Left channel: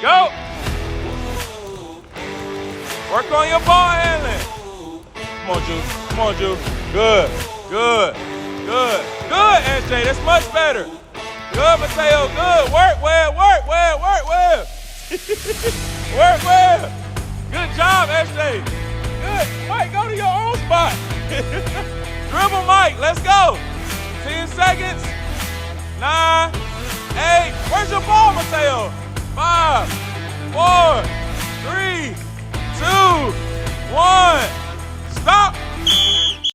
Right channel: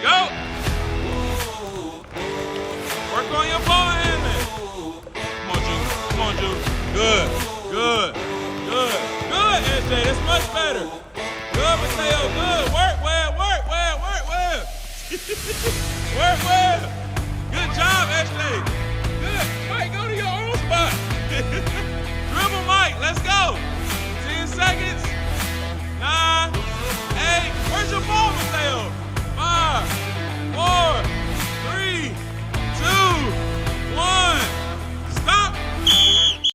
Go. Work on your ball handling. Come on, Juice. Come on, Juice. Good. Good. Good. Good, SJ. That's much better. Good, Mateo. Good. Work well. Work well. Work well. Work well. Good job, SJ. Good. Mike, go to your own spot. Dribble, Mike. Let's go. 10 seconds. 9.